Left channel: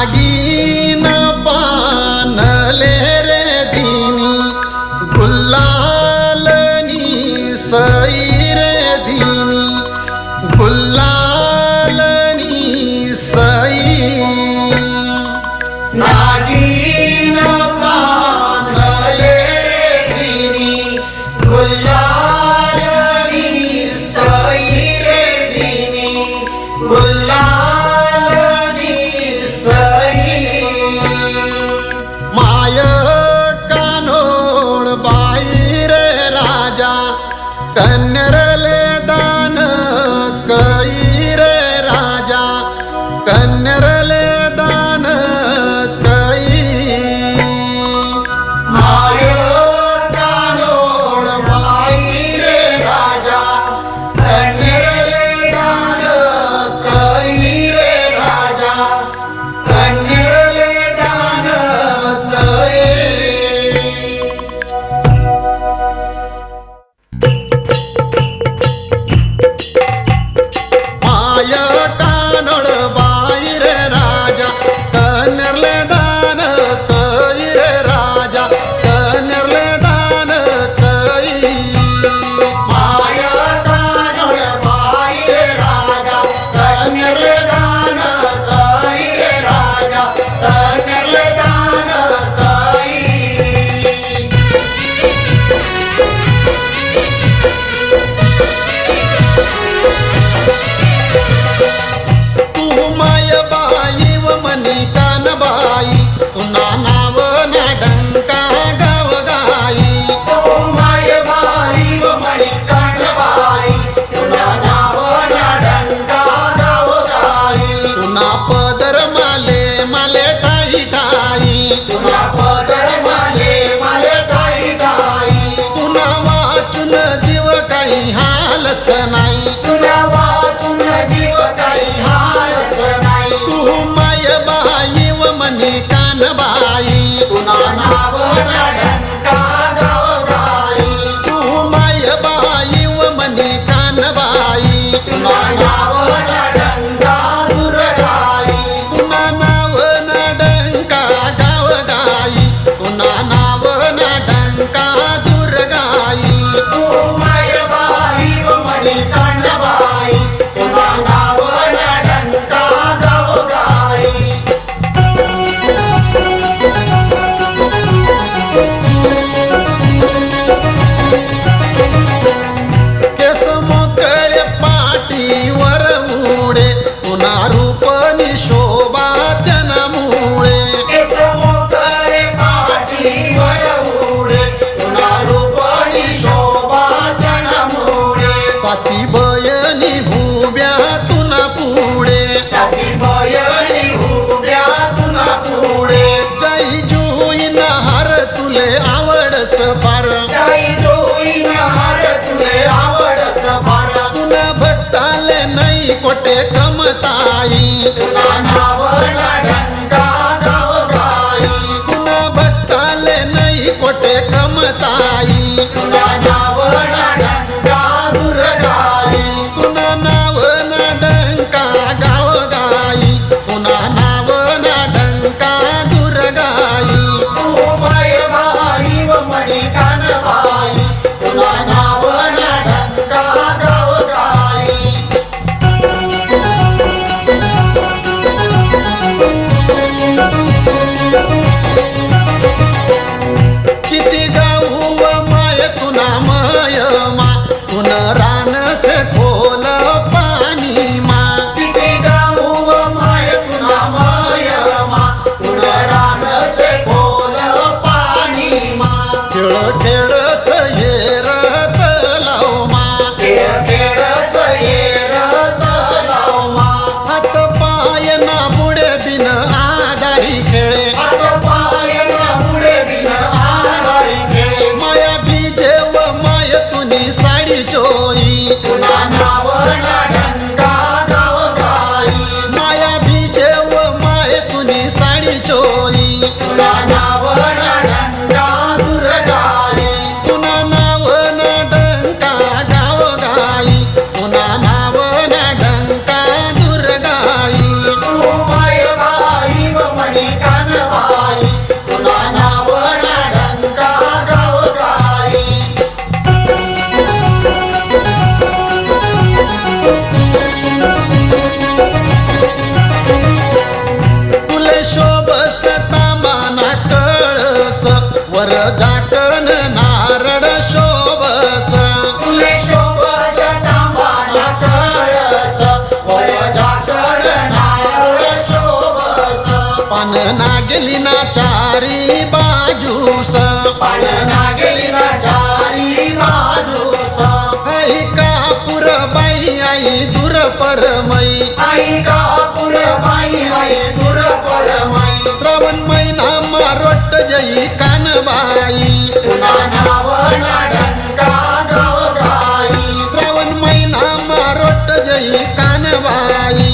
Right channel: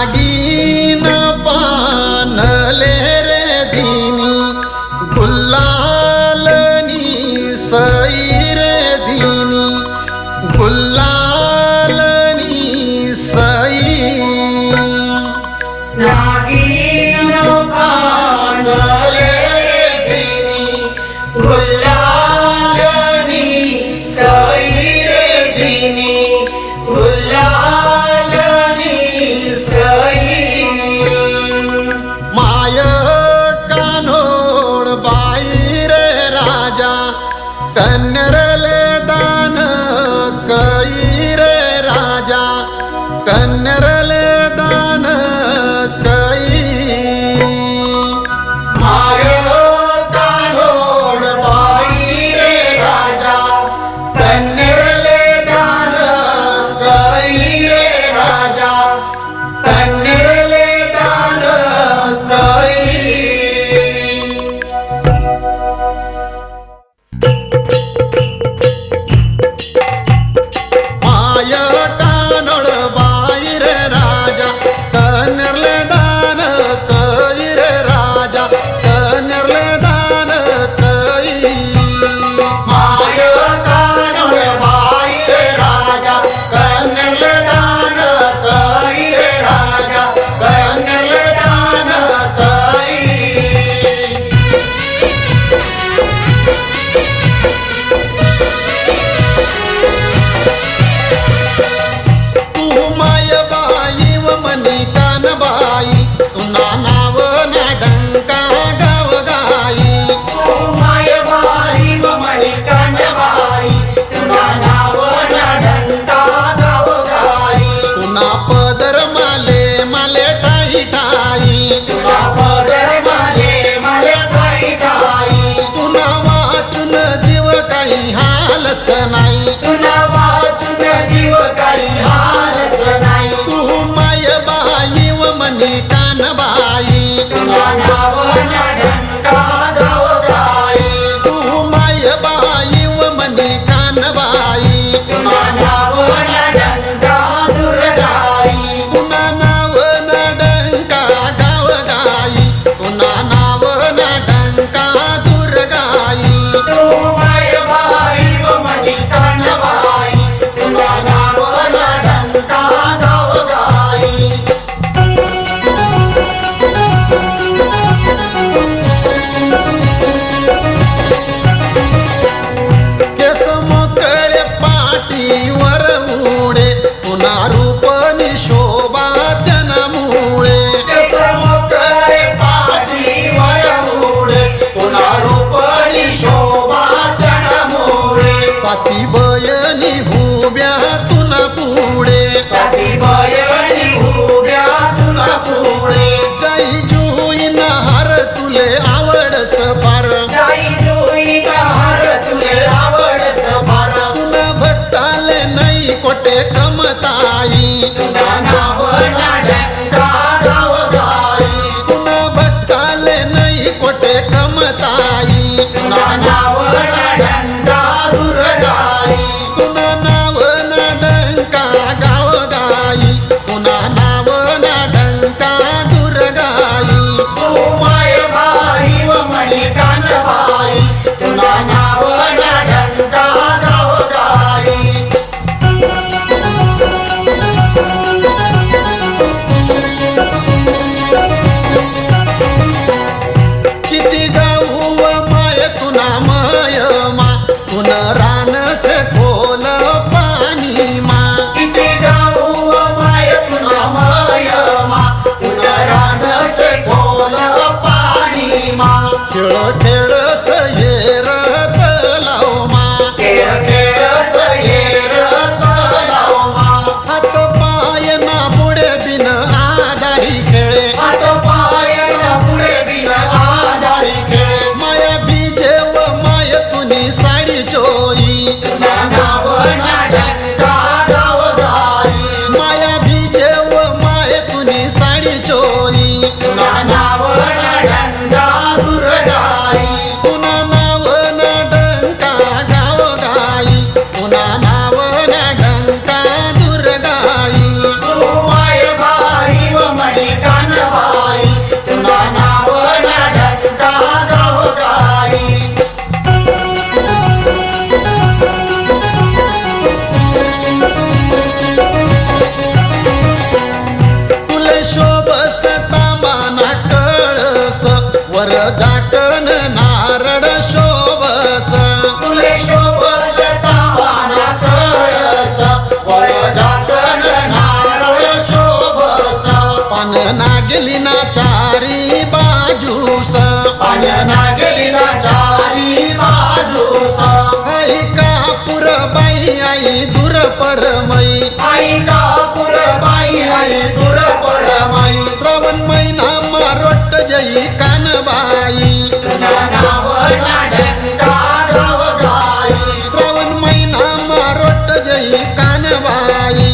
नागिन पानले रे दिनी गुल्लालनी सई रे दिनी गुल्लालनी सई नागिन पानले रे दिनी गुल्लालनी सई रे दिनी गुल्लालनी सई माय कानोड बाई रे राजा कन्नरले दान कई रे राजा कन्नरले दान कई माय कानोड बाई रे राजा कन्नरले दान कई रे राजा कन्नरले दान कई माय कानोड बाई रे राजा कन्नरले दान कई रे राजा कन्नरले दान कई माय कानोड बाई रे राजा कन्नरले दान कई रे राजा कन्नरले दान कई तू माय बाई व मनी कान बाई तुना नाव ना डंका गाव गाई तू माय बाई व मनी कान बाई तुना नाव ना डंका गाव गाई तुना पदर माले माले ठाई ठाई तुना पदर माले माले ठाई ठाई तुना वाचून जीव काही हालस नाही तुना वाचून जीव काही हालस नाही तू माय बाई व मनी कान बाई तुना नाव ना डंका गाव गाई तू माय बाई व मनी कान बाई तुना नाव ना डंका दूर गाई तुना नाव ना डंका गाव गाई तुना नाव ना डंका दूर गाई तू माय बाई व मनी कान बाई तुना नाव ना डंका गाव गाई केस मोकळे पाठीवर उडे पुन्हा रूपनी शोभा त्यानामुळे केस मोकळे पाठीवर उडे पुन्हा रूपनी शोभा त्यानामुळे साती बयनी हुब्या तुना पुढे साती बयनी हुब्या तुना पुढे जय जुई नहार तुले आवडस फार जय जुई नहार तुले आवडस फार तुना भक्ताले नाही कोटे कमताई तुना नाव ना डंका गाव गाई तुना भक्ताले नाही कोटे कमताई तुना नाव ना डंका दूर गाई तुना नाव ना डंका गाव गाई तुना नाव ना डंका दूर गाई तू माय बाई व मणी कान बाई तुना नाव ना डंका गाव गाई किती गाऊ व माय तुना मय मा तुन रानस खोल पाणी मा किती गाऊ व माय तुना मय मा तुन रानस खोल पाणी मा खेळ खेळस येर तलाव मा खेळ खेळस येर तलाव मा हात पाय ना पुढे बिन आधारी खेळे हात पाय ना पुढे बिन आधारी खेळे माया बीजे व माय तुनी साडी चोई तुना नाव ना डंका गाव गाई माया बीजे व माय तुनी साडी चोई तुना नाव ना डंका दूर गाई तुना नाव ना डंका गाव गाई तुना नाव ना डंका दूर गाई तू माय बाई व तुले शोभस तामाना कळस वर झाकण नारळ शोभस तुले शोभस तामाना कळस वर झाकण नारळ शोभस पान नागेली ना चारी बाजूस पान नागेली ना चारी बाजूस आई कापूर बाई आई दूर परमई आई कापूर बाई आई दूर परमई श्रावण महिना मारोट जई कानबाई श्रावण महिना मारोट जई कानबाई